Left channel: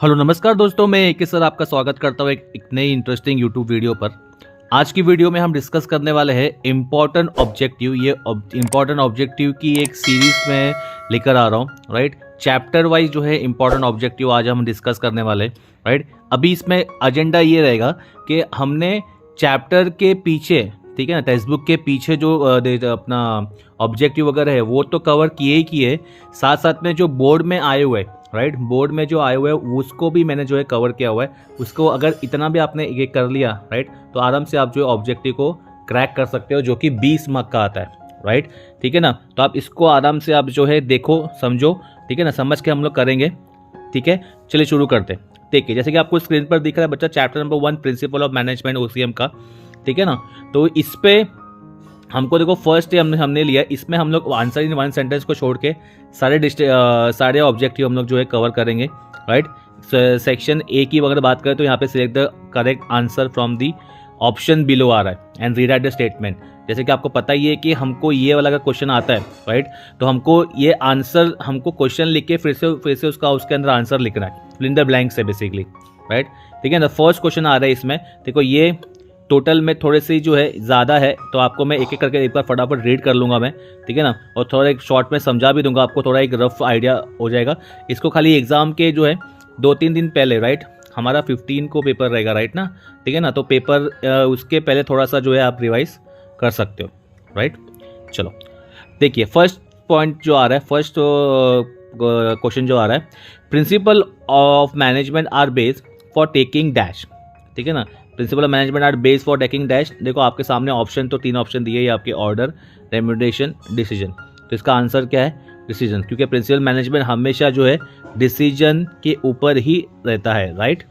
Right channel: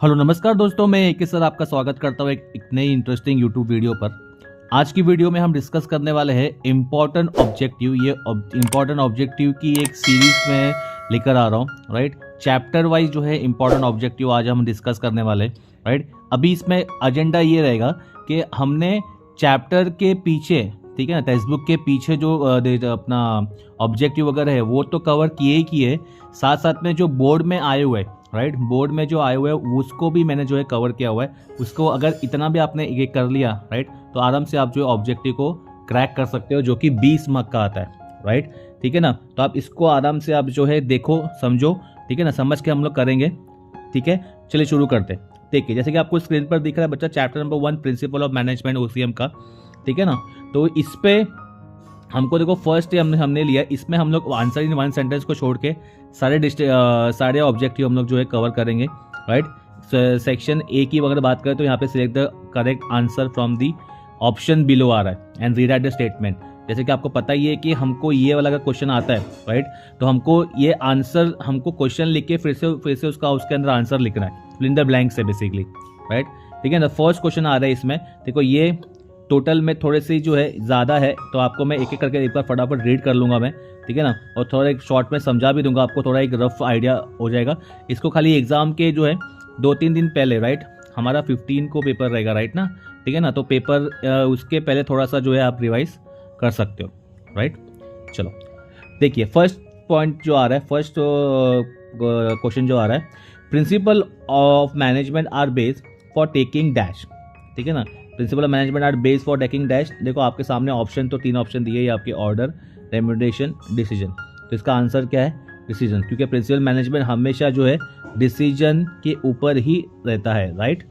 Hello नमस्कार दोस्तों, मैं एक सर आपका स्वागत करता हूँ एक नई इंटरेस्टिंग यूट्यूब वीडियो पर। आज की वीडियो में हम डिस्कस करने वाले हैं इम्पॉर्टेंट ऑब्जेक्टिव। ये इम्पॉर्टेंट ऑब्जेक्टिव की एक सीरीज में लेकर आ रहा हूँ, राइट। चैप्टर वाइज जो है इम्पॉर्टेंट ऑब्जेक्टिव आज हम डिस्कस करने वाले हैं, राइट। अभी इसमें एजेंडा ये रहेगा कि हमने चैप्टर के पीछे, ठीक है ना, टेक्स्ट बुक के पीछे जो अपना ऑब्जेक्टिव वगैरह है वो तो कवर किए ही किए, साथ साथ में जो बोर्ड में आए हुए, राइट, बोर्ड में जो आए हुए हैं उसको भी मैंने जो है कवर किया हुआ है। उसको अगर इतना भी आपने ये कर लिया, राइट, तो आराम से आप जो है ऑब्जेक्टिव को क्रैक कर सकते हो, जो कि 20 मार्क का आता है, राइट। ठीक है ना, तो आप इसको आराम से आप जो है देखो, समझो, ठीक है ना, समझ के हम लोग करेंगे। ठीक है, चलिए शुरू करते हैं। देखिए, जैसे कि आपको स्क्रीन पर दिख रहा है बच्चा, chapter number 1 principal of management OCM का, ठीक है ना। तो इस पे हमको देखो फर्स्ट हमने लिया, इसमें हम लोग आंसर इन वन सेंटेंस को छोड़ के सारे ऑब्जेक्टिव हम लोग जो है कवर करेंगे, राइट। सेक्शन ए की अगर बात करें तो यहाँ पे select the correct answer from the option below आ रहा है एंड रीराइट द स्टेटमेंट। जैसे कि आपको पता ही है कि हमको ये वाला अगर क्वेश्चन आता है, राइट, तो हमको ये आंसर, हमको क्वेश्चन लिख के फिर से उसके अंदर आंसर लिखना है, फिल इन द ब्लैंक्स है बेसिकली, राइट। ठीक है ना, फर्स्ट क्वेश्चन आ रहा है इसमें, देखो ये टोटल में थोड़े से जो है ज़्यादा है, तो आपको मैं एक एक करके एक बार फटाफट रीड कर लूँगा मैं, ठीक है ना, और थोड़ा एक शॉर्ट में समझा भी दूंगा आपको, थोड़ा एक रफ आइडिया हो जाएगा। इसको खाली एग्ज़ाम के जो है 2-3 दिन पहले, राइट, हमारा 15 को पेपर रहेगा, राइट ना, ठीक है ना, तो पेपर उसके पहले थोड़ा सा जो है आप रिवाइज कर सकते हो, राइट। चलो देखिए, फर्स्ट पॉइंट जो आ रहा है, फर्स्ट क्वेश्चन जो आ रहा है, principle of management are based for taking dash, ठीक है ना, principle of management are based for taking dash. देखो आपके सामने ऑप्शन तो 3 ऑप्शन दिए हैं आपके, ऑर्डर, रेम्यूनरेशन, डिसीजन। तो इसका आंसर क्या है? डिसीजन, क्योंकि प्रिंसिपल मैनेजमेंट हमेशा जो है डिसीजन के ऊपर ही रहता है, राइट।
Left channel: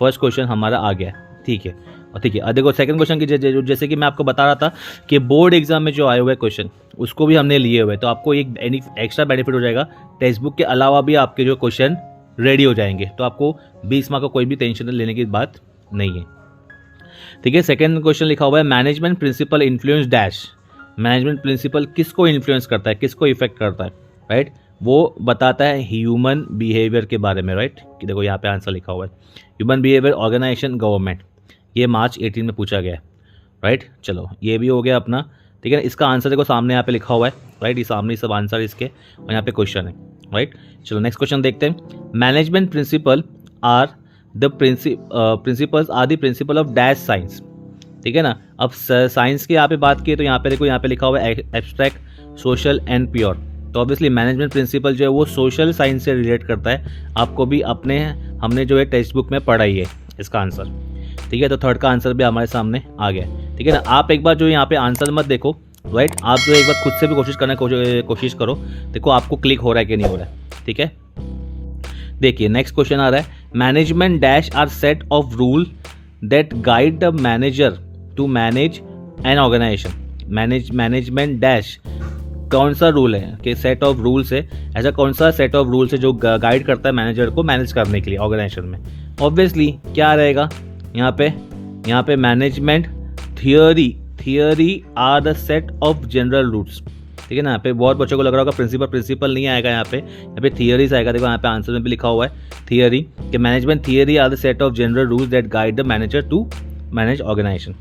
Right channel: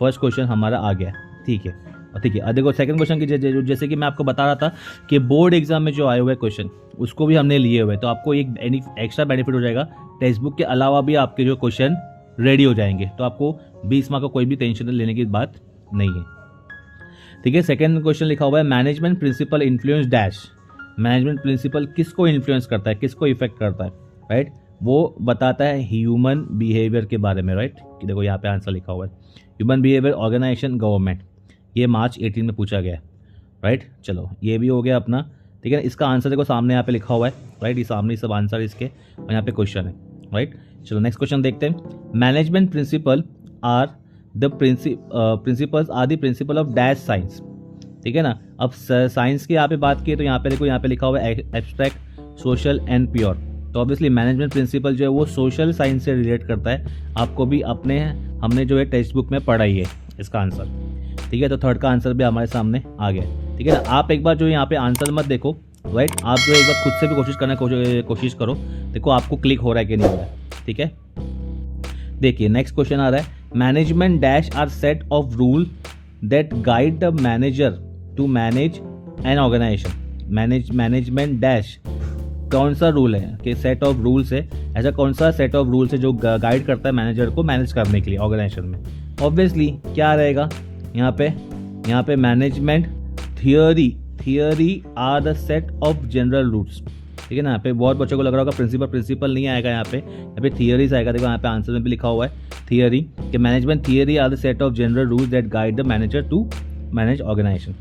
फर्स्ट क्वेश्चन हमारा आ गया, ठीक है। और ठीक है, देखो सेकंड क्वेश्चन की जैसे कि मैं आपको बता रहा था कि बोर्ड एग्जाम में जो आए हुए क्वेश्चन उसको भी हमने लिए हुए, तो आपको एक एक्स्ट्रा बेनिफिट हो जाएगा। टेक्स्ट बुक के अलावा भी आपके जो क्वेश्चन रेडी हो जाएंगे, तो आपको 20 मार्क का कोई भी टेंशन लेने की बात नहीं है, ठीक है। सेकंड क्वेश्चन लिखा हुआ है, management principle influence dash. Management principle किसको इन्फ्लुएंस करता है, किसको इफेक्ट करता है, राइट, वो बताता है ह्यूमन बिहेवियर के बारे में, राइट। कि देखो यहाँ पे आंसर लिखा हुआ है, ह्यूमन बिहेवियर, ऑर्गेनाइजेशन, गवर्नमेंट। ये मार्च 18 में पूछा गया है, राइट। चलो ये भी हो गया अपना, ठीक है। इसका आंसर देखो सामने यहाँ पे लिखा हुआ है, राइट, ये सामने सब आंसर इसके, और यहाँ पे क्वेश्चन है, राइट। चलो नेक्स्ट क्वेश्चन देखते हैं, management principle are the principles are the principle of dash science, ठीक है ना। अब साइंस की यहाँ पे बात की तो यहाँ पे देखो, यहाँ पे लिखा हुआ है एब्स्ट्रैक्ट, सोशल एंड प्योर। तो ऑब्वियसली मैनेजमेंट प्रिंसिपल जो है वो सोशल साइंस से रिलेट करता है, आपको भी हमने जो है टेक्स्ट बुक में पढ़ा ही है इसका आंसर, ठीक है। तो थर्ड का आंसर भी हमारे सामने आ गया, ठीक है ना। आप एक बार जो यहाँ पे आंसर मत देखो, राइट, आप जो एक बार खुद से भी कोशिश करो, देखो आपको क्लिक हो रहा है कि नहीं हो रहा है, ठीक है। देखिए नेक्स्ट क्वेश्चन आ रहा है, management dash are set of rule that guide the manager to manage an organisation. Management dash कौन सा रूल है कि सेट ऑफ रूल्स है, ऐसा कौन सा सेट ऑफ रूल्स है जो गाइड करता है मैनेजर को मैनेज करने के लिए ऑर्गेनाइजेशन में। ऑब्वियसली क्या रहेगा यहाँ पे management theory are the set of general rules, ठीक है ना। यहाँ पे बहुत बच्चों को लग रहा होगा प्रिंसिपल नहीं आएगा, यहाँ पे थियरीज आएगा। देखो यहाँ पे आंसर में भी लिखा हुआ है थियरी, कि management theory are the set of general rules that guide the manager to manage organisation.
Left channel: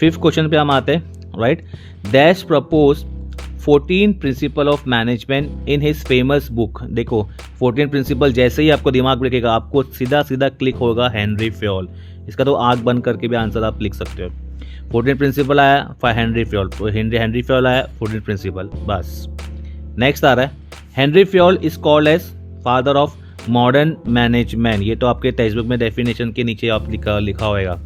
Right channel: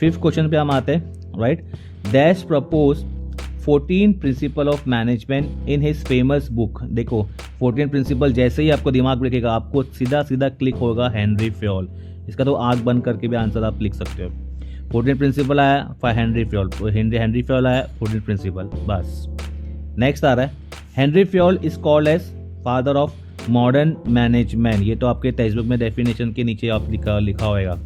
Fifth question पे हम आते हैं, right, dash propose 14 principle of management in his famous book. देखो 14 प्रिंसिपल जैसे ही आपको दिमाग में रखेगा, आपको सीधा क्लिक होगा हेनरी फ्योल। इसका तो आग बंद करके भी आंसर आप लिख सकते हो। 14 प्रिंसिपल आया हेनरी फ्योल, हेनरी फ्योल आया 14 प्रिंसिपल, बस। नेक्स्ट आ रहा है, Henri Fayol is called as father of modern management. ये तो आपके टेक्स्ट बुक में डेफिनेशन के नीचे आप लिखा होगा,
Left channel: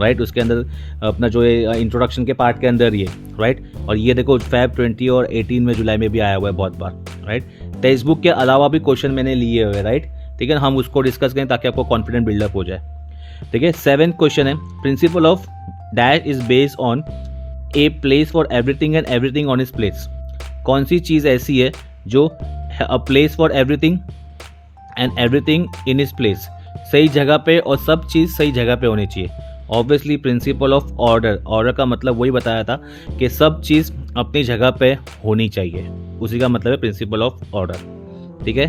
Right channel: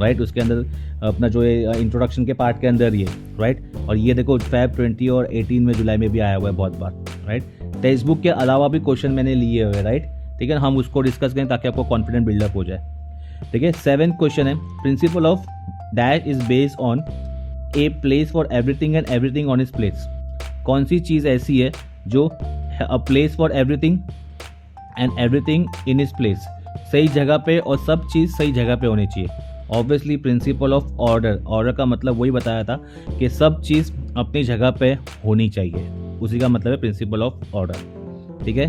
राइट, उसके अंदर अपना जो है इंट्रोडक्शन के पार्ट के अंदर ये, राइट। और ये देखो Feb 20 और 18 में जुलाई में भी आया हुआ है बहुत बार, राइट। टेक्स्ट बुक के अलावा भी क्वेश्चन मैंने लिए हुए, राइट, ठीक है। हम उसको डिस्कस करें ताकि आपको कॉन्फिडेंट बिल्डअप हो जाए, ठीक है। 7th क्वेश्चन है, principle of dash is based on a place for everything and everything on is place. कौन सी चीज़ ऐसी है जो a place for everything and everything in is place, सही जगह पे और सब चीज़ सही जगह पे होनी चाहिए। ऑब्वियसली प्रिंसिपल ऑफ ऑर्डर का मतलब वही बताया था कि सब चीज़ अपनी जगह पे होनी चाहिए, उसी का मतलब है प्रिंसिपल ऑफ ऑर्डर, ठीक है।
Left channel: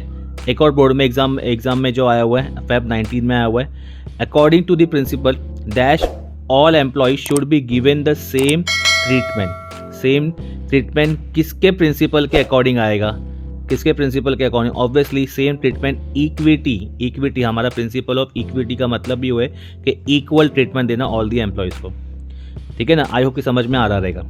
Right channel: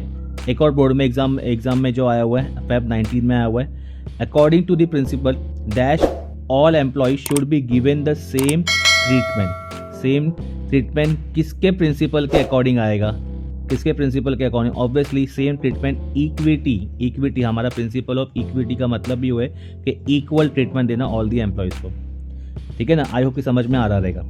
एक और बोर्ड में एग्जाम में जो आया हुआ है Feb 19 में आया हुआ है, according to the principle dash all employees should be given the same treatment. Same treatment किसके प्रिंसिपल के अकॉर्डिंग आएगा, किसके प्रिंसिपल के according? Obviously same treatment equity. Equity हमारा प्रिंसिपल ऑफ इक्विटी का मतलब भी हुआ है कि इक्वल ट्रीटमेंट देना ऑल दी एम्प्लॉयज़ को। ठीक है ना, आई होप कि समझ में आ रहा रहेगा।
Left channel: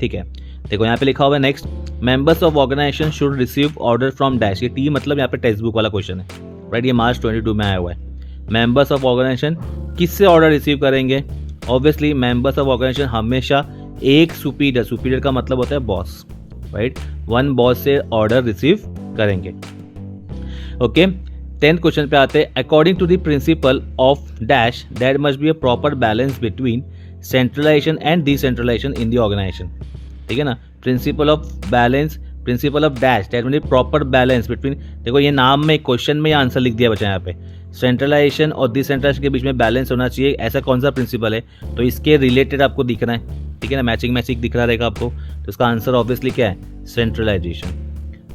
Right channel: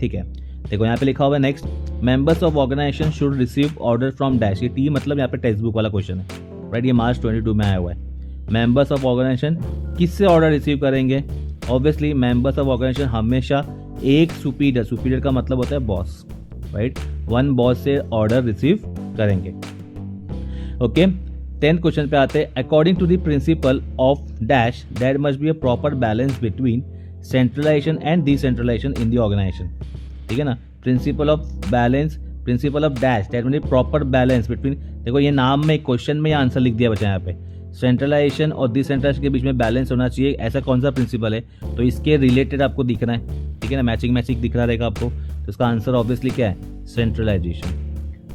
ठीक है, देखो यहाँ पे लिखा हुआ है next, members of organisation should receive order from dash. ये टी मतलब यहाँ पे टेक्स्ट बुक वाला क्वेश्चन है, राइट, ये मार्च 22 में आया हुआ है। मेंबर्स ऑफ ऑर्गेनाइजेशन किससे ऑर्डर रिसीव करेंगे? ऑब्वियसली मेंबर्स ऑफ ऑर्गेनाइजेशन हमेशा एक सुपीरियर का मतलब होता है बॉस, राइट, वन बॉस से ऑर्डर रिसीव करेंगे। ओके, 10th क्वेश्चन पे आते हैं, according to the principle of dash there must be a proper balance between centralisation and decentralisation in the organisation. ठीक है ना, principle of balance, principle of dash that mean proper balance between, देखो ये नाम में क्वेश्चन में answer लिख दिया बच्चा यहाँ पे, सेंट्रलाइजेशन और डिसेंट्रलाइजेशन के बीच में बैलेंस होना चाहिए, ऐसा कौन सा प्रिंसिपल है? तो इसके रिलेटेड आपको दिखना है। ठीक है ना, मैचिंग दिख रहा रहेगा आपको, तो इसका आंसर ऑब्वियसली क्या है? Centralisation,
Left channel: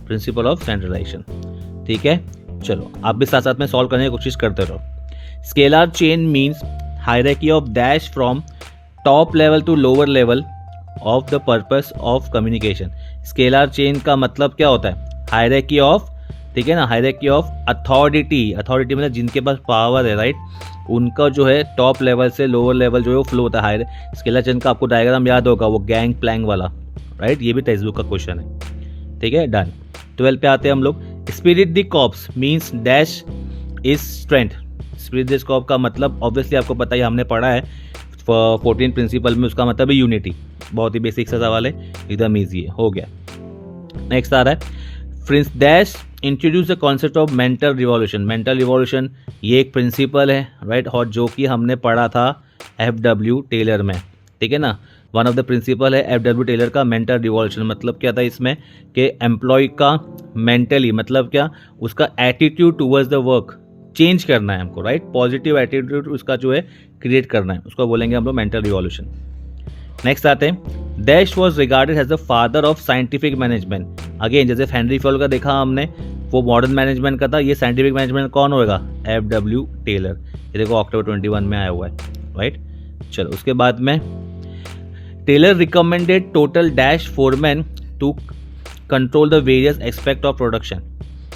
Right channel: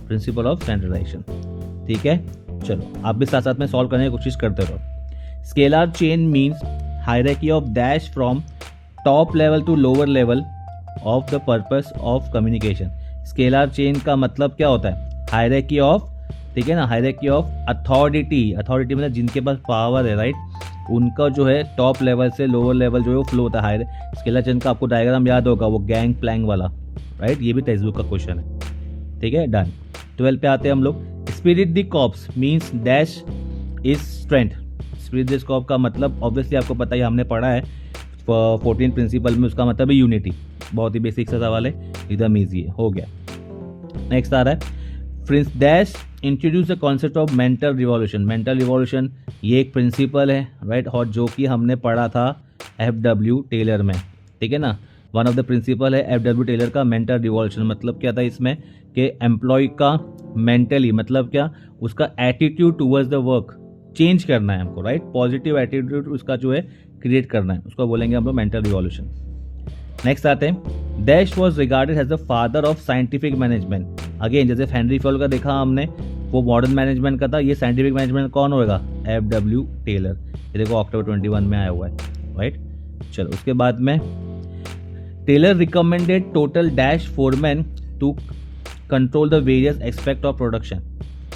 principle of centralisation. ठीक है, चलो आप भी साथ साथ में सॉल्व करने की कोशिश करते रहो। Scalar chain means hierarchy of dash from top level to lower level of the purpose of communication. Scalar chain का मतलब क्या होता है? हायरार्की ऑफ, ठीक है ना, हायरार्की ऑफ अथॉरिटी। अथॉरिटी मतलब जिनके पास पावर है, राइट, उनका जो है टॉप लेवल से लोअर लेवल जो है वो फ्लो होता है। हायर स्केलर चेन का आपको डायग्राम याद होगा, वो गैंग प्लैंग वाला, राइट, ये भी टेक्स्ट बुक का क्वेश्चन है। ठीक है, डन। 12 पे आते हैं हम लोग, spirit the corps means dash is strength. Spirit the Corp का मतलब ऑब्वियसली आपको पता ही, हमने पढ़ा है 14 प्रिंसिपल में, उसका मतलब है यूनिटी। बहुत ही बेसिक सा सवाल है, एकदम ईजी है, हो गया। नेक्स्ट आ रहा है, Prince dash introduce the concept of mental revolution. Mental revolution ये एक प्रिंसिपल है, राइट, और जो कि हमने पढ़ा था FW टेलर में। ठीक है ना, वन ऑफ द प्रिंसिपल है FW टेलर का मेंटल रिवॉल्यूशन। मतलब क्या था इसमें कि एम्प्लॉय का मेंटली मतलब क्या, उसका attitude towards the work change करना है हमको, राइट, पॉजिटिव एटीट्यूड उसका जो है क्रिएट करना है, उसको बोलेंगे हम लोग मेंटल रिवॉल्यूशन। नेक्स्ट आते हैं, dash was regarded as the father of scientific management. Again जैसे हेनरी फॉल का देखा हमने, वो मॉडर्न मैनेजमेंट का था, ये साइंटिफिक मैनेजमेंट कौन होगा? FW Taylor. ये देखो अक्टूबर 21 में आया हुआ है, राइट। चलो उसके बाद में, Taylor recommended total dash foreman to control the various aspect of production.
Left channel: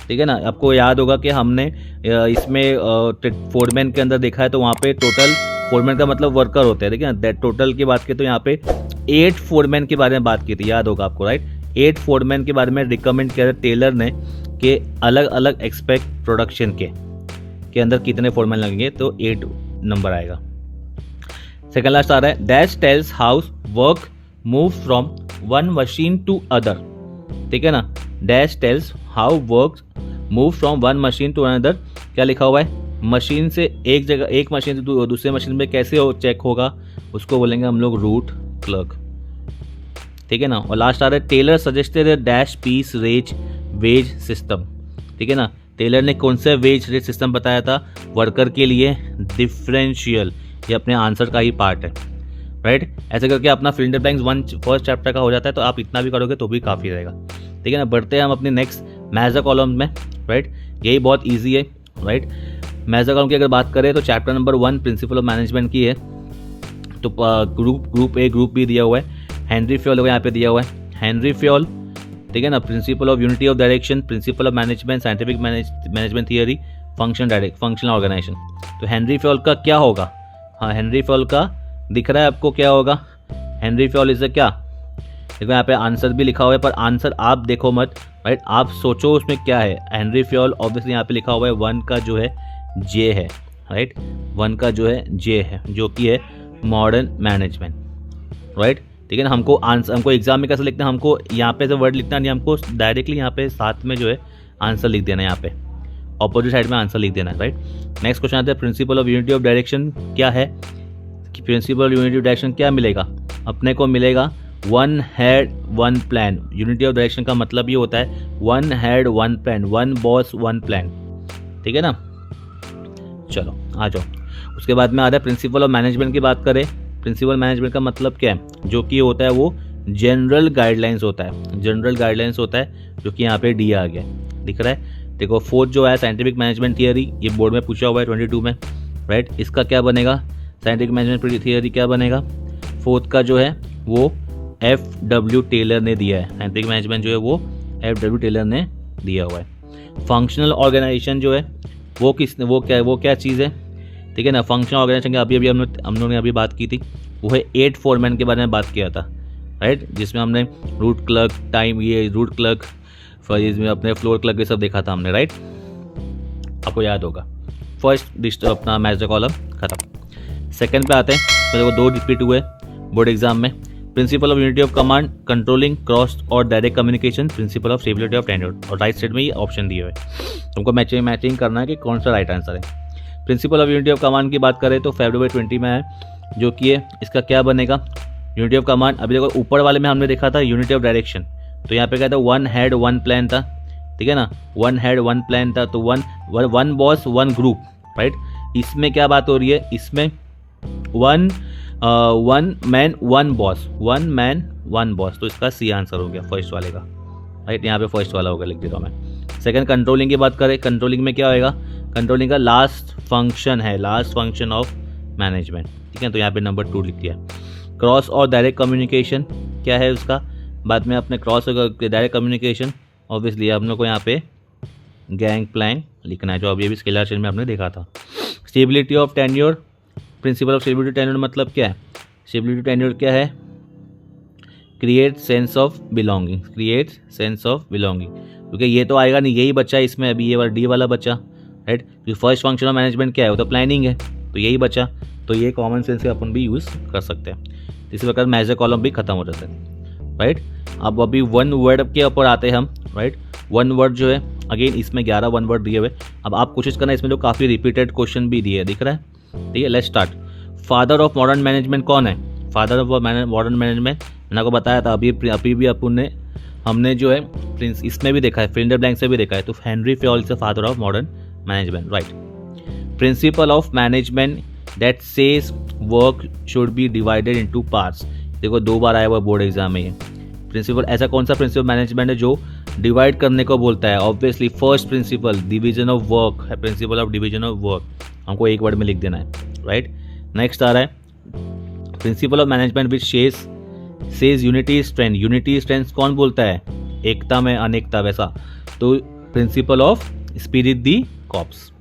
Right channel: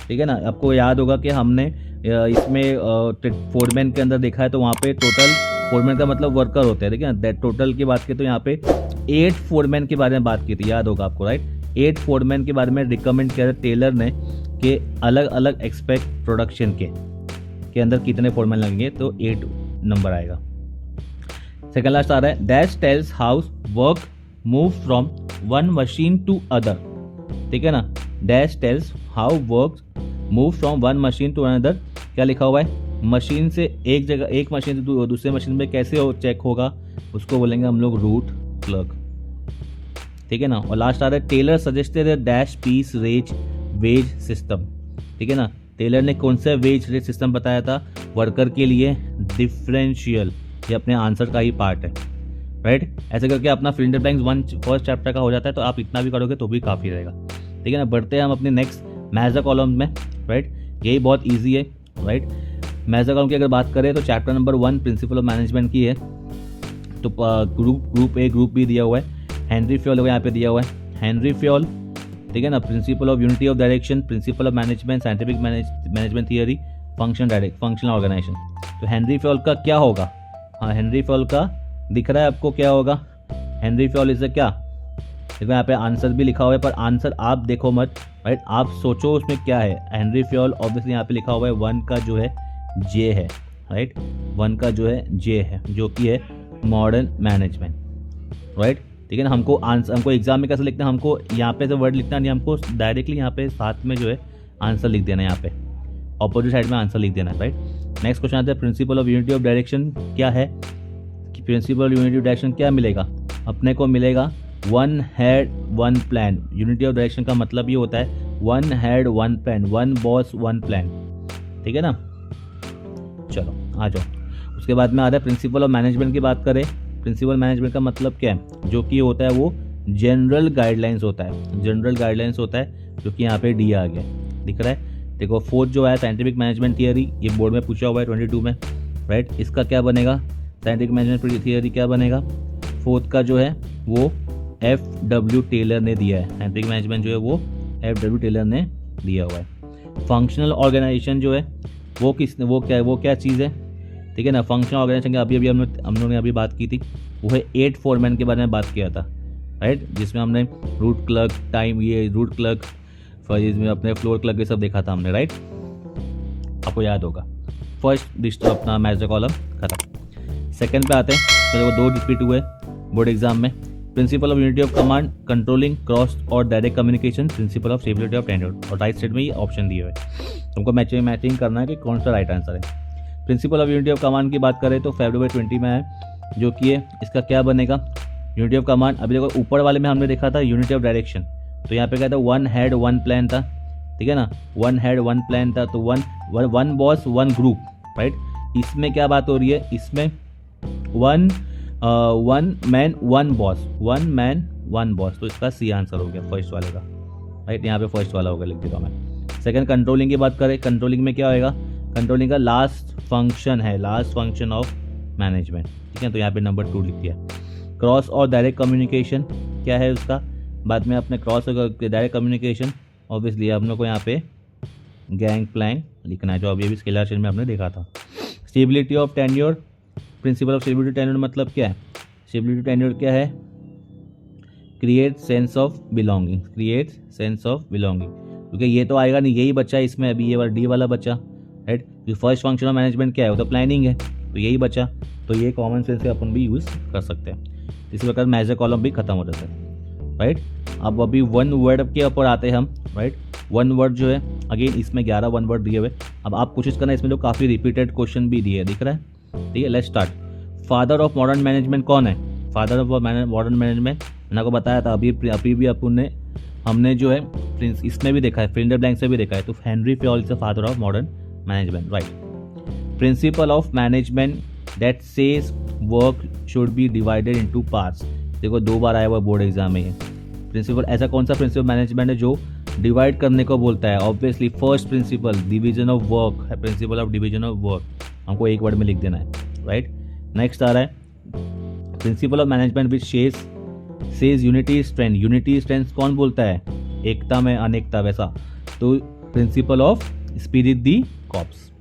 ठीक है ना, आपको याद होगा कि हमने इसमें फोरमैन के अंदर देखा है, तो वहाँ पे टोटल फोरमैन का मतलब वर्कर होते हैं। ठीक है ना, दैट टोटल की बात की तो यहाँ पे 8 फोरमैन के बारे में बात की थी, याद होगा आपको, राइट। 8 फोरमैन के बारे में रिकमेंड किया टेलर ने कि अलग अलग एक्सपेक्ट प्रोडक्शन के अंदर कितने फोरमैन लगेंगे, तो 8 नंबर आएगा। सेकंड लास्ट आ रहा है, dash tells how work move from one machine to other. ठीक है ना, dash tells how work move from one machine to another. क्या लिखा हुआ है? मशीन से एक मशीन से दूसरे मशीन में कैसे चेक होगा, उसको बोलेंगे हम लोग रूट क्लर्क। ठीक है ना, और लास्ट आ रहा है, Taylor suggested dash piece wage system. ठीक है ना, टेलर ने कौन सा वेज रेट सिस्टम बताया था वर्कर के लिए? डिफरेंशियल। ये अपने आंसर का ही पार्ट है, राइट। ऐसे करके अपना fill in the blanks first chapter का हो जाता है, तो आप इतना भी करोगे तो भी काफ़ी रहेगा। ठीक है ना, बढ़ते हैं हम अपने नेक्स्ट मैजर कॉलम में, राइट। यही बहुत ईजी है, राइट। मैजर कॉलम की अगर बात करें तो chapter number 1 principal of management की है, तो ग्रुप ए ग्रुप बी दिया हुआ है। हेनरी फ्योल यहाँ पे दिया हुआ है, हेनरी फ्योल। ठीक है ना, principle of unity of direction, principle of management, scientific management theory, functional organisation. तो हेनरी फ्योल का क्या होगा? हाँ, हेनरी फ्योल का दिख रहा है आपको क्या होगा? हेनरी फ्योल इज क्या, देखो यहाँ पे आंसर भी लिखा हुआ है, पर आंसर आप देखो मत, राइट, आप सोचो उसमें क्या है। हेनरी फ्योल ऑब्वियसली यहाँ पे लिखा हुआ है 1 का जो है जे है, राइट, 1 का जो है जे है, जो कि है मॉडर्न मैनेजमेंट, राइट। ठीक है ना, हमको एग्जाम में कैसे लिखना है, हमको यहाँ पे जो वर्ड लिखना नहीं, हमको डायरेक्टली यहाँ पे साथ में जो है आंसर लिख देना है, यहाँ पे ऑपोजिट साइड में आंसर लिख देना है, राइट। नेक्स्ट क्वेश्चन आता है, principle of unity of direction क्या है? कि principal of unity of direction क्या मिलेगा अपने को? मिलेगा 1 head 1 plan. Unity of direction का मतलब ये होता है 1 हेड 1 प्लान, 1 बॉस 1 प्लान। ठीक है ना, चलो आ जाओ। उसके बाद में आ रहा है प्रिंसिपल ऑफ मैनेजमेंट की बात करें। प्रिंसिपल मैनेजमेंट का मतलब क्या है? जो कि होता है वो जनरल गाइडलाइंस होता है, जनरल गाइडलाइंस होता है, जो कि यहाँ पे डी आ गया, दिख रहा है। देखो फोर्थ जो है साइंटिफिक मैनेजमेंट थियरी, ये बोर्ड में पूछा हुआ है 22 में, राइट। इसका क्या बनेगा, साइंटिफिक मैनेजमेंट थियरी क्या बनेगा, फोर्थ का जो है वो FW टेलर ने दिया है। साइंटिफिक मैनेजमेंट जो है वो FW टेलर ने दिया हुआ है। फंक्शनल ऑर्गेनाइजेशन जो है वो क्या चीज़ है, ठीक है ना। फंक्शनल ऑर्गेनाइजेशन की अभी हम लोगों ने अभी बात की थी, वो है 8 फोरमैन के बारे में बात किया था, राइट, जिसमें हमने रूट क्लर्क, रूट क्लर्क, इसमें अपने फ्लोर क्लर्क ये सब देखा था हमने, राइट, आपको याद होगा। फर्स्ट लिस्ट अपना मैच द कॉलम खत्म। सेकंड पे आते हैं, तो 2 रिपीट हुए बोर्ड एग्जाम में। Principle of unity of command, controlling cross और direct communication, principle of stability of tenure, और राइट साइड में ये ऑप्शन दिए हुए हैं, तुमको मैचिंग करना है कि कौन सा राइट आंसर है। Principle of unity of command की बात करें तो February 20 में है, जो कि है इसका क्या बनेगा, यूनिटी ऑफ कमांड। अभी देखो ऊपर वाले में हमने देखा था यूनिटी ऑफ डायरेक्शन, तो यहाँ पे क्या था, 1 हेड 1 प्लान था, ठीक है ना, 1 हेड 1 प्लान था, तो 1 बॉस 1 ग्रुप, राइट। इसमें क्या बात हो रही है, इसमें 1 मैन 1 बॉस, 1 मैन 1 बॉस, तो इसका सी आंसर हो गया फर्स्ट वाले का, राइट। यहाँ पे फर्स्ट वाला होगा, लिख देता हूँ मैं। सेकंड कंट्रोलिंग की बात करें, कंट्रोलिंग में क्या होएगा, कंट्रोलिंग का लास्ट फंक्शन है, लास्ट फंक्शन ऑफ मैनेजमेंट, ठीक है, तो यहाँ पे नंबर 2 लिख दिया। क्रॉस और डायरेक्ट कम्युनिकेशन क्या है उसका, बाद में अपने क्रॉस और डायरेक्ट कम्युनिकेशन ऑब्वियसली हम लोग को यहाँ पे गैंग प्लैंग लिखना है, जो अभी स्केलर चेंज में हमने देखा था। Stability of tenure, principal of stability tenure मतलब क्या है, स्टेबिलिटी टेन्योर क्या है, create sense of belonging, create sense of belonging, क्योंकि ये तो आएगा नहीं, यही बच्चा इसमें अभी, ये वाला डी वाला बच्चा, राइट। जो फर्स्ट फंक्शन ऑफ मैनेजमेंट क्या है, वो तो प्लानिंग है, तो यही बचा, तो ये कॉमन सेंस से अपन भी यूज़ कर सकते हैं। इसी प्रकार मेजर कॉलम भी खत्म हो जाता है, राइट। अब अभी 1 वर्ड के ऊपर आते हैं हम, राइट। 1 वर्ड जो है अगेन इसमें 11 1 वर्ड दिए हुए। अब आप कोशिश करना, इसमें जो काफ़ी रिपीटेड क्वेश्चन भी दिए दिख रहा है, ठीक है। Let's start. Father of modern management कौन है, फादर ऑफ मॉडर्न मैनेजमेंट मैंने आपको बताया था, अभी भी अपन हमने जो है इसमें भी देखा है, फिलिंडर ब्लैंक से भी देखा है, तो Henry Fayol is the father of modern management, right. Principal of management that says work should be divided into parts, देखो 2 बार आया हुआ बोर्ड एग्जाम में। प्रिंसिपल, ऐसा कौन सा प्रिंसिपल मैनेजमेंट है जो डिवाइड करने को बोलता है, obviously first principle division of work है, principle of division of work, हमको एक वर्ड में लिख देना है, राइट। नेक्स्ट आ रहा है principle of management which says unity strength, unity strength कौन बोलता है, एकता में अनेकता, वैसा, तो principle of spirit the corps.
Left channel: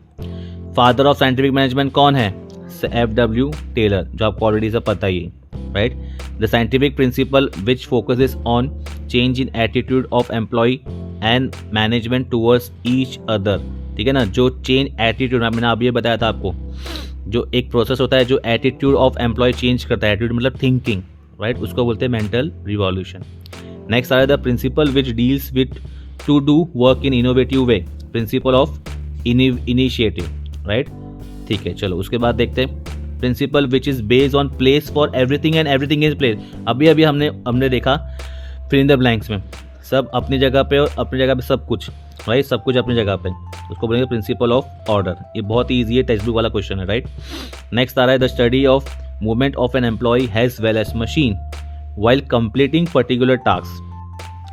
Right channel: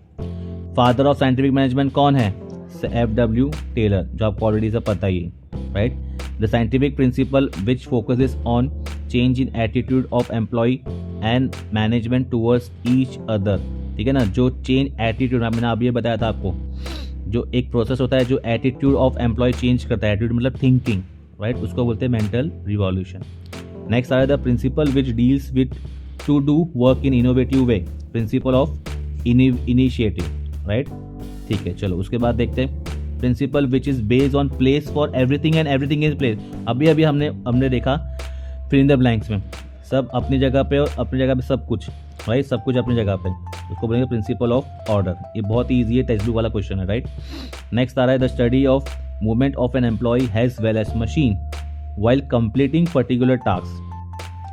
Father of scientific management कौन है, FW टेलर, जो आपको ऑलरेडी सब पता ही है, right. The scientific principle which focuses on change in attitude of employee and management towards each other, ठीक है ना, जो चेंज एटीट्यूड, मैंने अभी ये बताया था आपको, जो एक प्रोसेस होता है जो एटीट्यूड ऑफ एम्प्लॉय चेंज करता है, एटीट्यूड मतलब थिंकिंग, राइट, उसको बोलते हैं मेंटल रिवॉल्यूशन। नेक्स्ट आ रहा है the principal which deals with to do work in innovative way, principle of initiative, right, ठीक है। चलो उसके बाद देखते हैं principal which is based on place for everything and everything is place, अभी हमने देखा फिल इन द ब्लैंक्स में, सब अपनी जगह पे और अपनी जगह पे सब कुछ, राइट, सब कुछ अपनी जगह पे, उसको बोलेंगे प्रिंसिपल ऑफ ऑर्डर। ये बहुत ही ईजी है, टेक्स्ट बुक वाला क्वेश्चन है, राइट। नेक्स्ट आ रहा है the study of movement of an employee has well as machine while completing particular task,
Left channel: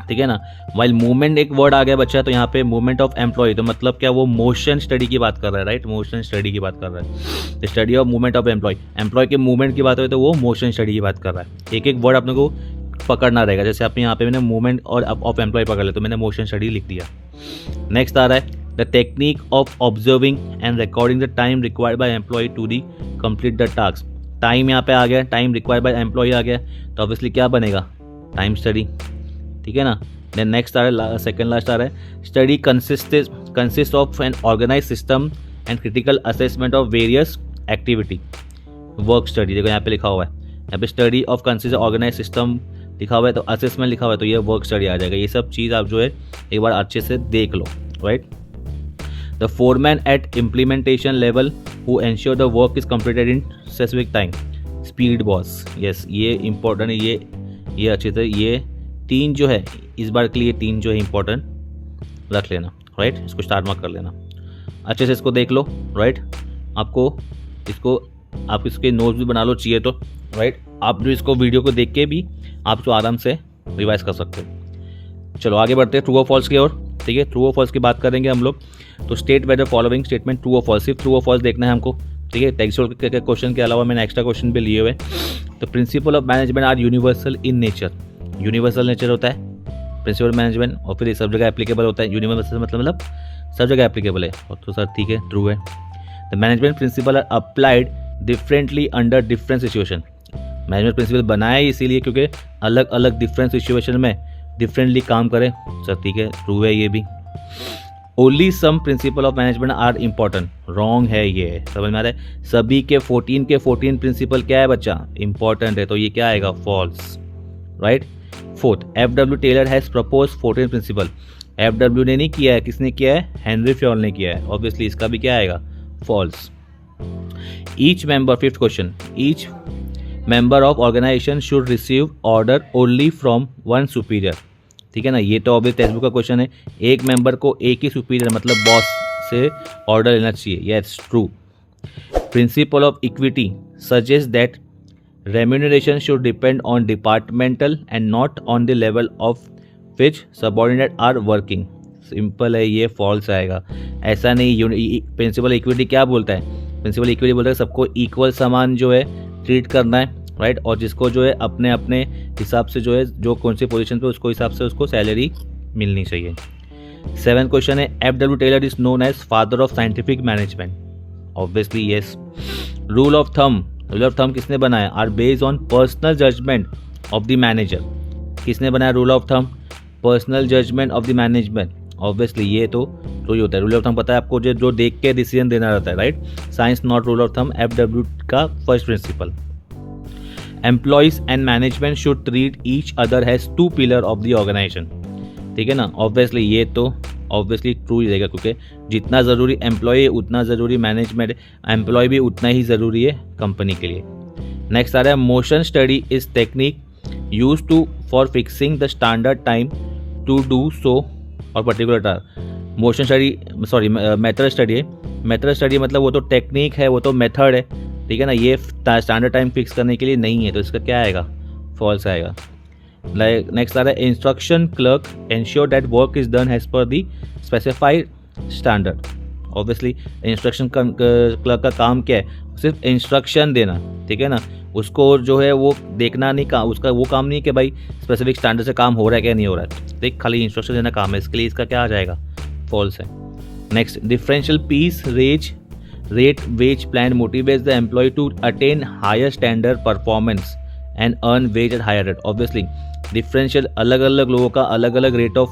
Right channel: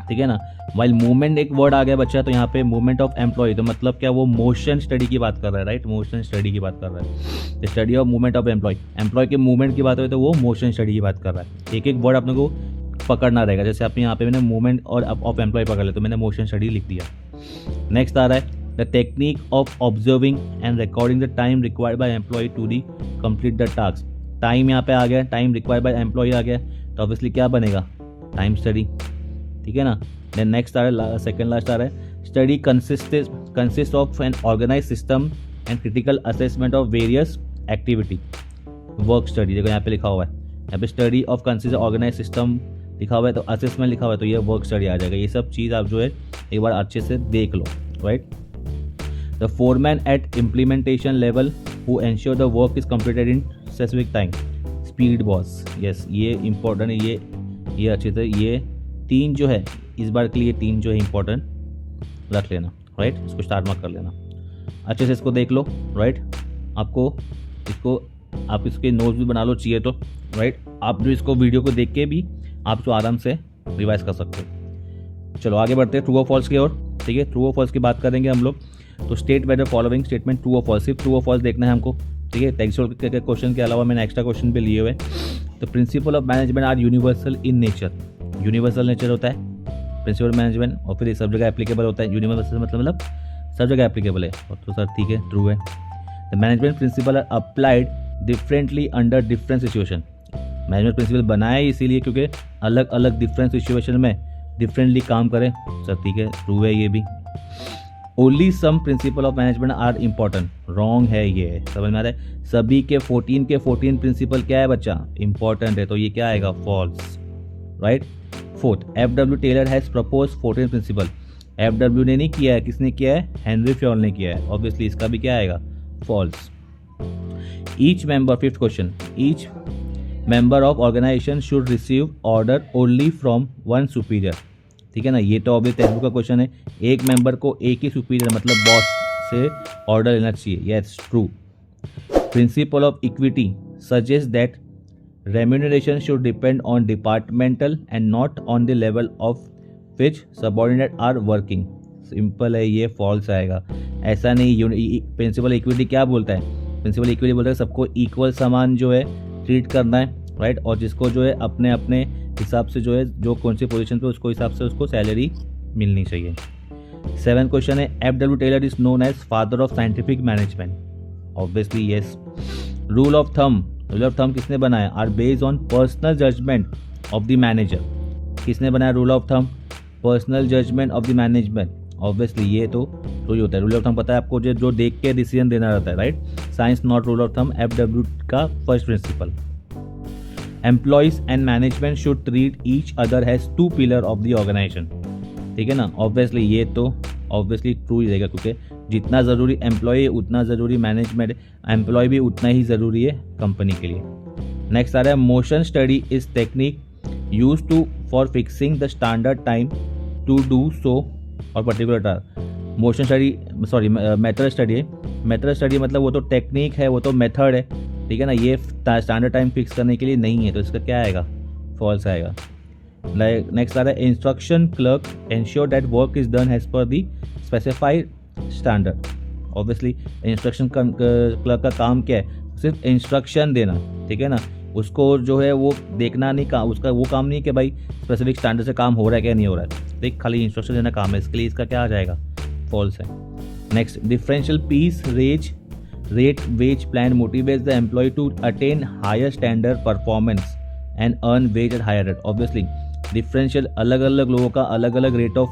ठीक है ना। वाइल मूवमेंट एक वर्ड आ गया बच्चा, तो यहाँ पे मूवमेंट ऑफ एम्प्लॉय, तो मतलब क्या, वो मोशन स्टडी की बात कर रहा है, राइट, मोशन स्टडी की बात कर रहा है। The study of movement of employee के मूवमेंट की बात हो तो वो मोशन स्टडी की बात कर रहा है। एक वर्ड अपने को पकड़ना रहेगा, जैसे आपने यहाँ पे मैंने मूवमेंट और ऑफ एम्प्लॉय पकड़ लिया, तो मैंने मोशन स्टडी लिख दिया। नेक्स्ट आ रहा है the technique of observing and recording the time required by employee to the complete the task, time यहाँ पे आ गया, टाइम रिक्वायर्ड बाय एम्प्लॉय आ गया, तो ऑब्वियसली क्या बनेगा, टाइम स्टडी, ठीक है ना। देन नेक्स्ट आ रहा है, सेकंड लास्ट आ रहा है study consist of an organise system and critical assessment of various activity, work study, देखो यहाँ पे लिखा हुआ है, यहाँ पे study of consist organise system लिखा हुआ है, तो असेसमेंट लिखा हुआ है, तो ये वर्क स्टडी आ जाएगा। ये सब चीज़ आप जो है एक बार अच्छे से देख लो, right. The foreman at implementation level who ensure the work is completed in specific time, speed boss, yes, ये इंपॉर्टेंट है, ये अच्छे से, ये 3 जो है इस बार के लिए 3 जो है इंपॉर्टेंट रख लेना, राइट, इसको स्टार मार्क कर लेना, अच्छे से इसको देख लो, राइट। आप इसके नोट्स भी बना लो चाहिए तो, राइट। आप जो इसको वीडियो को देख के भी आप जो आराम से रिवाइज कर सकते हो। चलो आगे बढ़ते हैं ट्रू और फॉल्स की ओर। ठीक है। ट्रू और फॉल्स की बात करेंगे हम लोग। तो state whether following statement true और फॉल्स, सिर्फ ट्रू और फॉल्स देखना है हमको, ठीक है। टेक्सचुअल के क्वेश्चन के अलावा मैंने एक्स्ट्रा क्वेश्चन भी लिए हुए। तो principle of management are universal in nature, universal nature होता है प्रिंसिपल मैनेजमेंट, और फिर सब जगह एप्लीकेबल होता है। यूनिवर्सल मतलब सब जगह एप्लीकेबल है। तो सर ठीक है, ट्रू है। The management principle are applied differently under different situation, management principle बनाया है इसीलिए क्योंकि अलग अलग डिफरेंट सिचुएशन में डिफरेंटली काम करें। सर ठीक है, ट्रू है ये भी। Only some principle of management are important, wrong है ये, समझ में आ रहा है। सभी के 14 प्रिंसिपल क्या है बच्चा, इंपॉर्टेंट है, तो ये क्या आएगा, false, right. Fourth, F W. Taylor has propose 14 principle, F W. ने नहीं किया है, किसने किया है, हेनरी फ्योल ने किया है, ऑब्वियसली इसका भी क्या आएगा, false. Each member, fifth question, each member of organisation should receive order only from one superior, ठीक है ना। ये तो ऑब्वियस टेक्स्ट बुक का क्वेश्चन है, एक मेंबर को एक ही सुपीरियर मतलब बॉस से ऑर्डर लेना चाहिए, yes true. Principle of equity suggest that remuneration should depend on departmental and not on the level of which subordinate are working, simple है, ये फॉल्स आएगा। ऐसा नहीं, प्रिंसिपल इक्विटी क्या बोलता है, प्रिंसिपल इक्विटी बोलता है सबको इक्वल समान जो है ट्रीट करना है, राइट। और जिसको जो है अपने अपने हिसाब से जो है जो कौन सी पोजीशन पे उसको हिसाब से उसको सैलरी मिलनी चाहिए। 7 क्वेश्चन है, F W. Taylor is known as father of scientific management, obviously yes. Rule of thumb किसने बनाया, are based on personal judgement of the manager, किसने बनाया rule of thumb, personal judgement of the management, obviously ये तो ही होता है। Rule of thumb पता है आपको, जो देख के डिसीजन देना रहता है, right. Science not rule of thumb, F W. का first principle. Employees and management should treat each other as two pillar of the organisation, ठीक है ना। ऑब्वियसली ये तो ऑब्वियसली ट्रू ही रहेगा, क्योंकि जितना ज़रूरी एम्प्लॉय है उतना ज़रूरी मैनेजमेंट, एम्प्लॉय भी उतना ही ज़रूरी है कंपनी के लिए। नेक्स्ट आ रहा है, motion study is technique used to for fixing the standard time to do so और particular task. Motion study sorry method study है, मेथड स्टडी मतलब वो तो टेक्निक है, वो तो मेथड है, ठीक है ना। ये स्टैंडर्ड टाइम फिक्स करने के लिए नहीं है, तो इसका क्या आएगा, फॉल्स आएगा। नेक्स्ट आ रहा है, instruction clerk ensure that work is done as per the specified standard, obviously instruction clerk का काम क्या है, सिर्फ इंस्ट्रक्शन देना, ठीक है ना। उसको जो है वो देखना नहीं, उसका वो काम नहीं है कि भाई स्पेसिफिक स्टैंडर्ड से काम हो रहा है क्या नहीं हो रहा है, देख खाली इंस्ट्रक्शन देना काम है, इसके लिए इसका क्या आ जाएगा, फॉल्स है। Next, differential piece rate wage plan motivates the employee to attain higher standard performance and earn wage at higher rate, obviously differential अलग अलग लोगों का अलग अलग rate of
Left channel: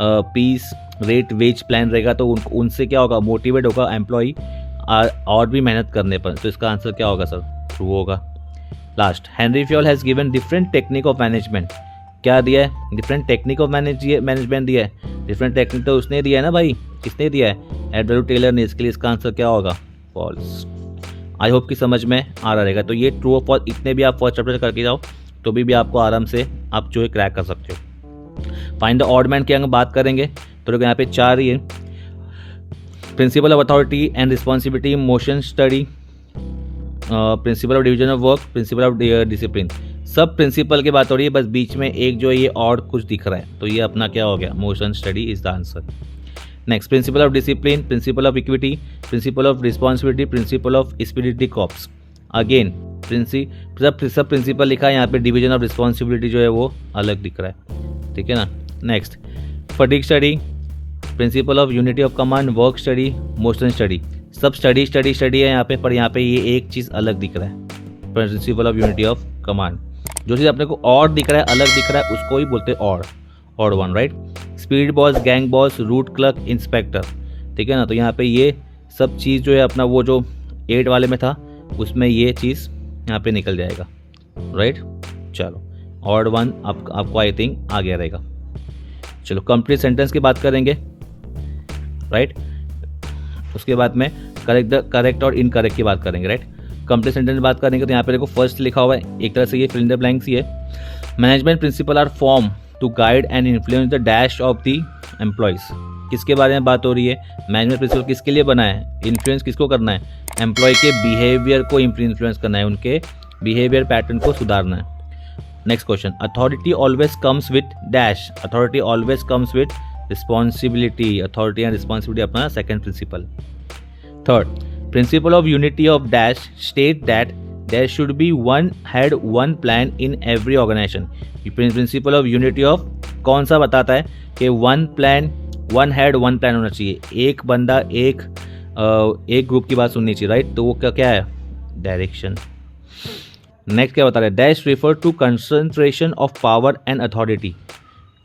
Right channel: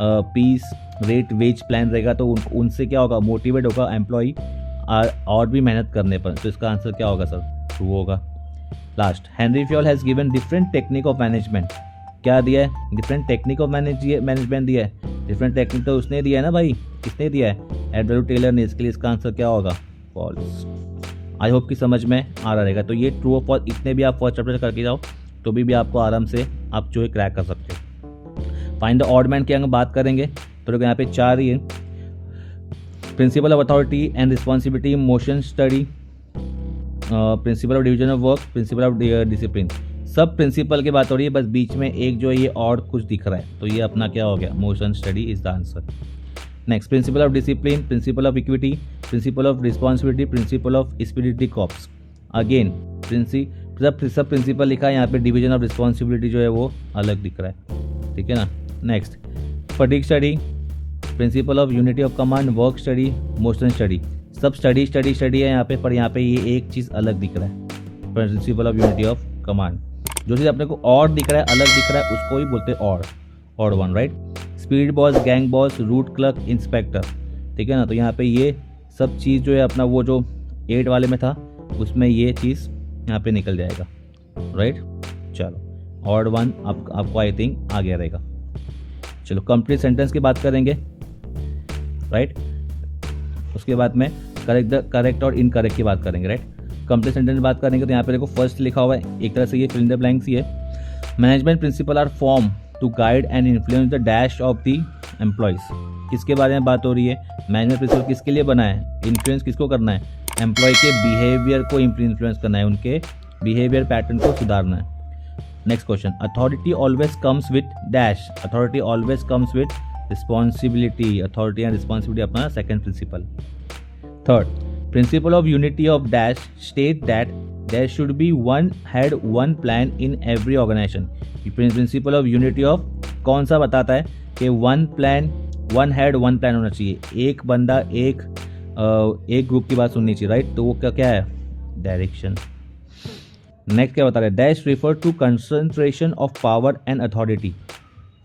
piece rate wage plan रहेगा, तो उनसे क्या होगा, मोटिवेट होगा एम्प्लॉय और भी मेहनत करने पर, तो इसका आंसर क्या होगा सर, ट्रू होगा। Last, Henry Fayol has given different technique of management, क्या दिया है, डिफरेंट टेक्निक ऑफ मैनेजमेंट दिया है, डिफरेंट टेक्निक तो उसने दिया है ना भाई, किसने दिया है, एफ.डब्ल्यू. टेलर ने, इसके लिए इसका आंसर क्या होगा, फॉल्स। आई होप कि समझ में आ रहा रहेगा। तो ये ट्रू और फॉल्स इतने भी आप फर्स्ट चैप्टर करके जाओ तो भी आपको आराम से आप जो है क्रैक कर सकते हो। फाइंड द ऑड मैन की अगर बात करेंगे तो यहाँ पे 4 ही है, principle of authority and responsibility, motion study, principal of division of work, principal of discipline, सब प्रिंसिपल की बात हो रही है, बस बीच में एक जो है ये और कुछ दिख रहा है, तो ये अपना क्या हो गया, motion study is the answer. Next, principle of discipline, principle of equity, principle of responsibility, principle of spirit corps, again सब प्रिंसिपल लिखा है, यहाँ पे डिवीजन ऑफ रिस्पॉन्सिबिलिटी जो है वो अलग दिख रहा है, ठीक है ना। Next, fatigue study, principal of unity of command, work study, motion study, सब स्टडी है यहाँ पे, पर यहाँ पे ये एक चीज़ अलग दिख रहा है, principle of unity of command, जो चीज़ अपने को और दिख रहा है, अलग दिख रहा है, उसको ही बोलते हैं odd one, right. Speed boss, gang boss, root clerk, inspector, ठीक है ना। तो यहाँ पे ये सब चीज़ जो है अपना वो जो 8 वाले में था उसमें ये चीज़ यहाँ पे निकल जाएगा, राइट। चलो ऑड वन आपको आई थिंक आ गया रहेगा। चलो कंप्लीट सेंटेंस की बात करेंगे, राइट। उसके बाद में करेक्ट और इनकरेक्ट की बात करेंगे, राइट। कंप्लीट सेंटेंस की बात करेंगे तो यहाँ पे देखो फर्स्ट लिखा हुआ है, एक तरह से ये फिल इन द ब्लैंक्स ही है। Management principle are form to guide and influence the dash of the employees, किसके बारे में बात हो रही है, मैनेजमेंट प्रिंसिपल किसके लिए बना है, इन्फ्लुएंस किसको करना है, एम्प्लॉय के बिहेवियर को इन्फ्लुएंस करना है, उनके बिहेवियर पैटर्न को सुधारना है। Next question, authority always comes with dash, authority always comes with responsibility, authority and responsibility अपना second principle. Third, principle of unity of dash state that there should be one head one plan in every organisation. Principle of unity of कौन सा बताता है कि one plan, one head one plan होना चाहिए, एक बंदा एक ग्रुप की बात सुननी चाहिए, राइट। तो वो क्या है, डायरेक्शन। नेक्स्ट क्या बता रहे हैं, dash refer to concentration of power and authority.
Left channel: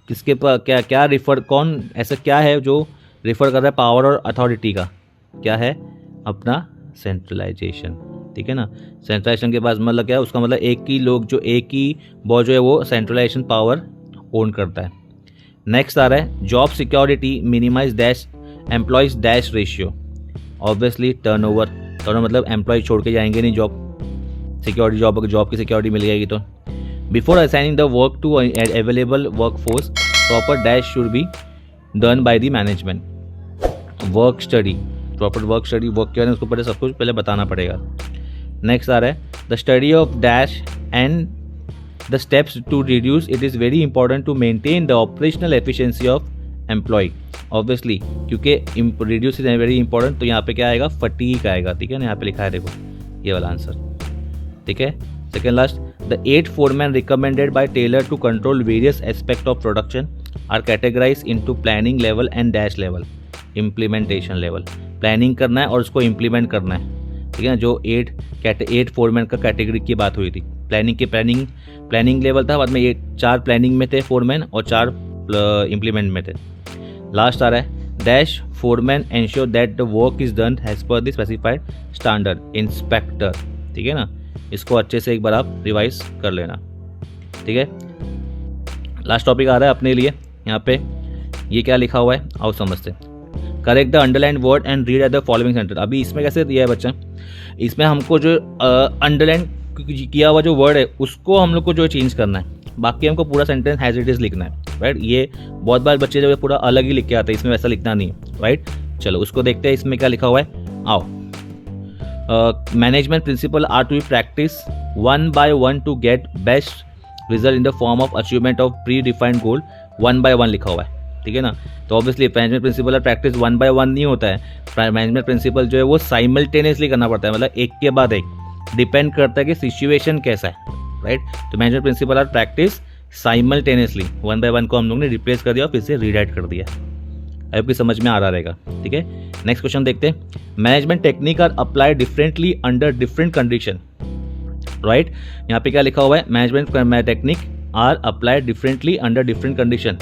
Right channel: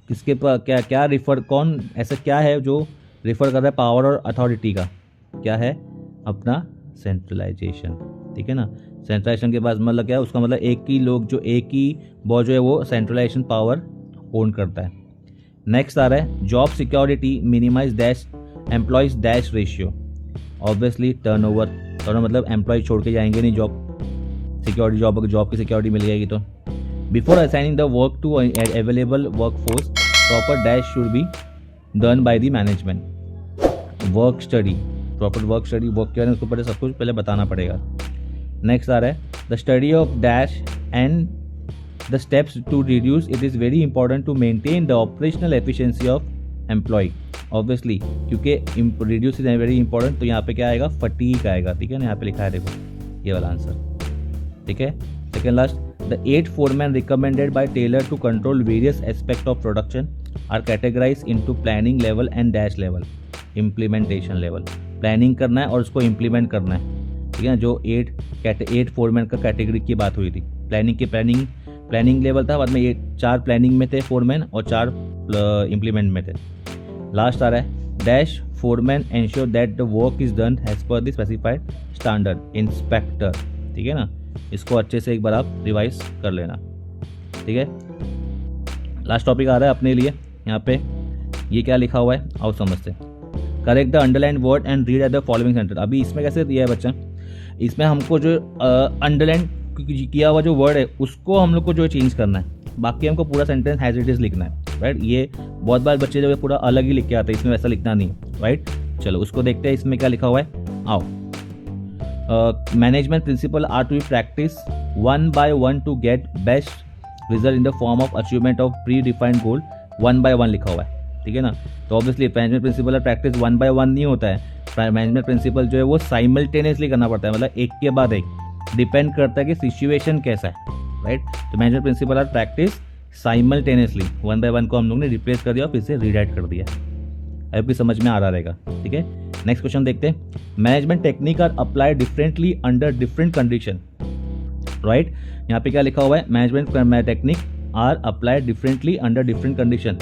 किसके पर क्या रिफर, कौन ऐसा क्या है जो रिफर कर रहा है पावर और अथॉरिटी का, क्या है अपना सेंट्रलाइजेशन, ठीक है ना। सेंट्रलाइजेशन के पास मतलब क्या है, उसका मतलब एक ही लोग जो एक ही बॉस जो है वो सेंट्रलाइजेशन पावर ओन करता है। नेक्स्ट आ रहा है job security minimise dash employees dash ratio. Obviously turnover मतलब एम्प्लॉय छोड़ के जाएंगे नहीं जॉब, सिक्योरिटी जॉब, अगर जॉब की सिक्योरिटी मिल जाएगी तो। Before assigning the work to available work force proper dash should be done by the management. Work study, proper work study, work क्या है उसको पहले सब कुछ पहले बताना पड़ेगा। नेक्स्ट आ रहा है the study of dash and the steps to reduce it is very important to maintain the operational efficiency of employee. Obviously क्योंकि रिड्यूस इज वेरी इंपॉर्टेंट, तो यहाँ पे क्या आएगा, फटीग आएगा, ठीक है ना। यहाँ पे लिखा है देखो ये वाला आंसर, ठीक है। Second last, the 8 foremen recommended by Taylor to control various aspects of production are categorized into planning level and dash level, implementation level। Planning करना है और उसको इम्प्लीमेंट करना है, ठीक है ना। जो 8 foremen का कैटेगरी की बात हुई थी, प्लानिंग लेवल था, बाद में 4 प्लानिंग में थे फोरमैन और 4 इम्प्लीमेंट में थे। लास्ट आ रहा है dash foreman ensure that the work is done as per the specified standard inspector, ठीक है ना। इसको अच्छे से एक बार आप रिवाइज कर लेना, ठीक है। लास्ट टॉपिक आ रहा है अपने लिए, यहाँ पे ये क्या लिखा हुआ है आओ समझते हैं। Correct the underline word and read at the following sentence. अभी इसमें कैसे दिया है बच्चा, इसमें हमको जो अंडरलाइन किया हुआ जो वर्ड है उसको हम लोग को जो चेंज करना है, बाकी हमको पूरा सेंटेंस हैज इट इज लिखना है, राइट। ये बहुत बार बच्चे जो है पूरा अलग ही लिख के आते हैं, इसमें वैसा लिखना नहीं है, राइट। चलो उसको देखते हैं इसमें क्या लिखा हुआ है, आओ। Management principle are to be practise one by one to get best result in the form of achievement of predefined goal. 1 by 1 लिखा हुआ है, ठीक है ना। तो ऑब्वियसली मैनेजमेंट प्रिंसिपल और प्रैक्टिस 1 by 1 नहीं होता है, मैनेजमेंट प्रिंसिपल जो है वो साइमल्टेनियसली करना पड़ता है, मतलब एक के बाद एक, डिपेंड करता है कि सिचुएशन कैसा है, राइट। तो मैनेजमेंट प्रिंसिपल और प्रैक्टिस साइमल्टेनियसली 1 by 1 को हम लोग ने रिप्लेस कर दिया और फिर से रीराइट कर दिया। आपकी समझ में आ रहा रहेगा, ठीक है। नेक्स्ट क्वेश्चन देखते हैं। Management technique are applied differently under different condition, right. यहाँ पे क्या लिखा हुआ है, management technique are applied differently under different condition.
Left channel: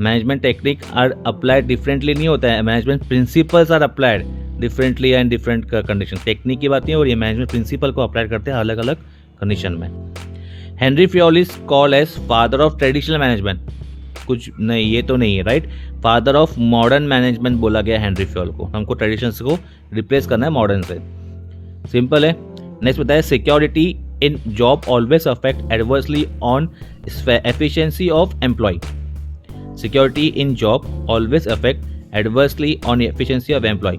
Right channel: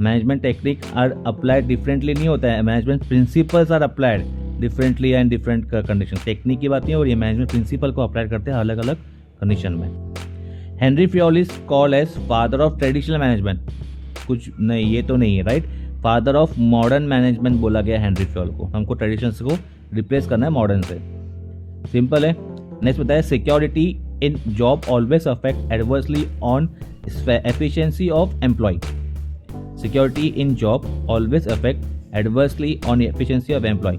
Management technique are applied differently नहीं होता है, management principles are applied differently and different condition. Technique की बात नहीं, और ये मैनेजमेंट प्रिंसिपल को अप्लाई करते हैं अलग अलग कंडीशन में। Henri Fayol is called as father of traditional management, कुछ नहीं, ये तो नहीं है, right. Father of modern management बोला गया हेनरी फ्योल को, हमको ट्रेडिशंस को रिप्लेस करना है मॉडर्न से, सिंपल है। नेक्स्ट बताया security in job always affect adversely on efficiency of employee. Security in job always affect adversely on efficiency of employee.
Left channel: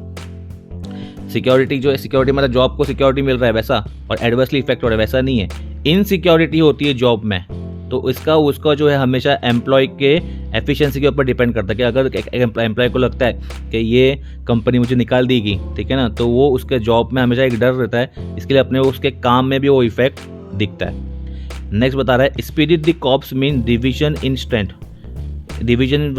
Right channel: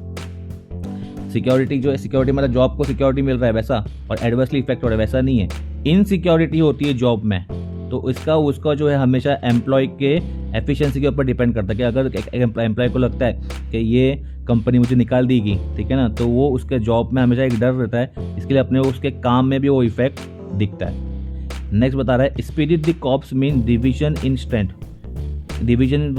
Security जो है, सिक्योरिटी मतलब जॉब को सिक्योरिटी मिल रहा है वैसा, और एडवर्सली इफेक्ट हो रहा है वैसा नहीं है। इनसिक्योरिटी होती है जॉब में, तो उसका जो है हमेशा एम्प्लॉय के एफिशिएंसी के ऊपर डिपेंड करता है कि अगर एम्प्लॉय को लगता है कि ये कंपनी मुझे निकाल देगी, ठीक है ना, तो वो उसके जॉब में हमेशा एक डर रहता है, इसके लिए अपने उसके काम में भी वो इफेक्ट दिखता है। नेक्स्ट बता रहा है spirit de corps mean division in strength. Division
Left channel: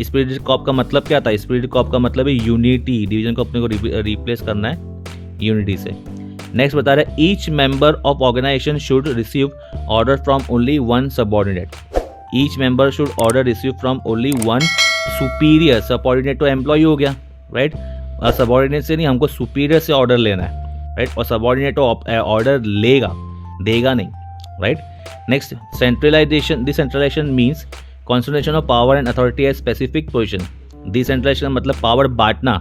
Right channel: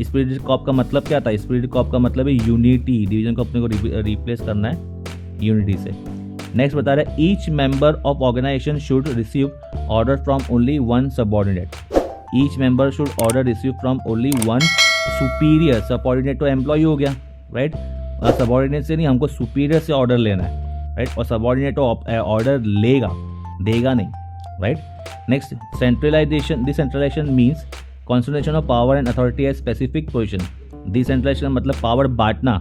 spirit corps का मतलब क्या था, स्पिरिट कॉप का मतलब है यूनिटी, डिवीजन को अपने को रिप्लेस करना है यूनिटी से। नेक्स्ट बता रहा है each member of organisation should receive order from only one subordinate. Each member should order receive from only one superior. Subordinate तो एम्प्लॉय हो गया, राइट, और सबऑर्डिनेट से नहीं, हमको सुपीरियर से ऑर्डर लेना है, राइट, और सबऑर्डिनेट तो ऑर्डर लेगा, देगा नहीं, right. Next centralisation, decentralisation means concentration of power and authority at specific position. Decentralisation मतलब पावर बांटना,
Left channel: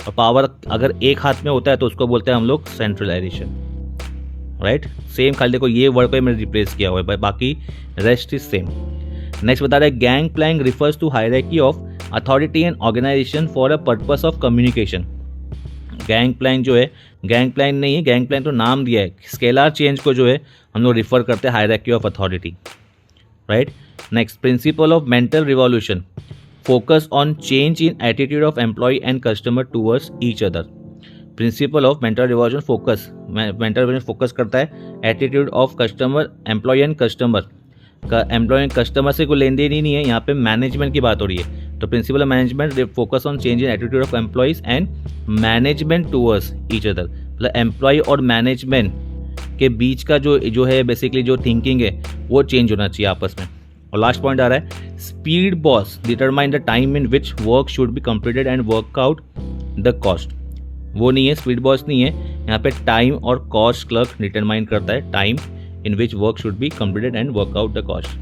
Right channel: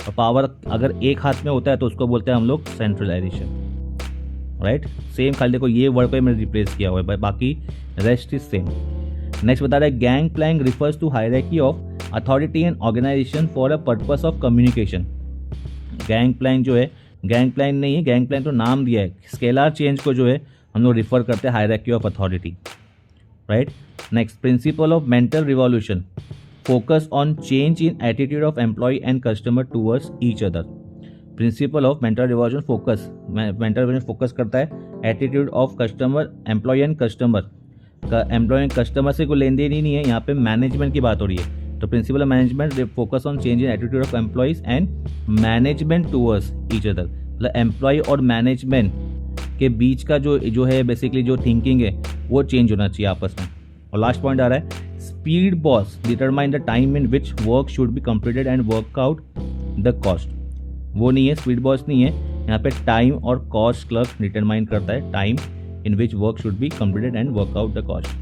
और पावर अगर एक हाथ में होता है तो उसको बोलते हैं हम लोग सेंट्रलाइजेशन, राइट। सेम खाली देखो ये वर्ड पे मैंने रिप्लेस किया हुआ है, बाकी रेस्ट इज सेम। नेक्स्ट बता रहा है gang plank refers to hierarchy of authority and organisation for a purpose of communication. Gang plank जो है, गैंग प्लैंग नहीं है, गैंग प्लैंग तो नाम दिया है, स्केलर चेंज को जो है हम लोग रिफर करते हैं hierarchy of authority, right. Next principle of mental revolution. Focus on change in attitude of employee and customer towards each other. Principle of mental revolution focus, mental revolution focus करता है attitude of customer, employee and customer का। Employee and customer से कोई लेन then he नहीं है, यहाँ पे management की बात हो रही है। तो principle of management they focus on change in attitude of employees and management towards each other. मतलब एम्प्लॉय और मैनेजमेंट के बीच का जो है बेसिकली जो थिंकिंग है वो चेंज होना चाहिए आपस में। और लास्ट पॉइंट आ रहा है speed boss determine the time in which work should be completed and work out the cost. वो नहीं है, स्पीड बॉस नहीं है, यहाँ पे टाइम और कॉस्ट क्लर्क डिटरमाइन करता है time in which work should be completed and work out the cost.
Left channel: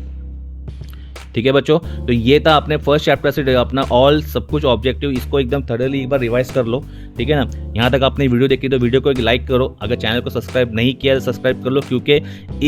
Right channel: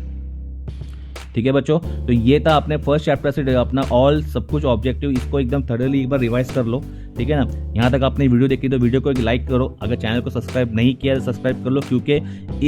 ठीक है बच्चों, तो ये था अपने फर्स्ट चैप्टर से अपना ऑल सब कुछ ऑब्जेक्टिव। इसको एकदम थॉरली एक बार रिवाइज कर लो, ठीक है ना। यहाँ तक आपने वीडियो देखी तो वीडियो को एक लाइक करो, अगर चैनल को सब्सक्राइब नहीं किया तो सब्सक्राइब कर लो, क्योंकि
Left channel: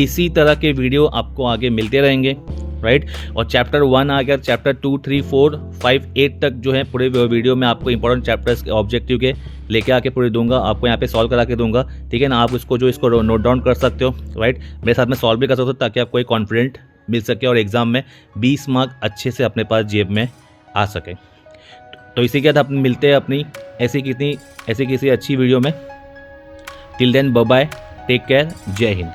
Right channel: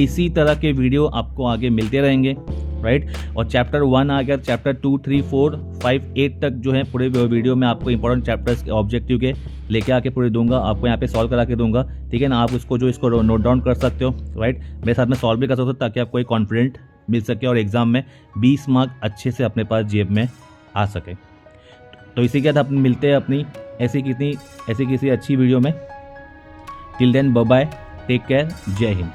इसी तरह के वीडियो आपको आगे मिलते रहेंगे, राइट। और चैप्टर 1 आ गया, चैप्टर 2, 3, 4, 5, 8 तक जो है पूरे वीडियो में आपको इंपॉर्टेंट चैप्टर्स के ऑब्जेक्टिव के लेके आके पूरे दूंगा, आपको यहाँ पे सॉल्व करा के दूंगा, ठीक है ना। आप इसको नोट डाउन कर सकते हो, राइट। मेरे साथ में सॉल्व भी कर सकते हो ताकि आपको एक कॉन्फिडेंट मिल सके और एग्जाम में 20 मार्क अच्छे से अपने पास जेब में आ सके। तो इसी के साथ अपन मिलते हैं अपनी ऐसी किसी अच्छी वीडियो में। Till then bye bye, take care, जय हिंद।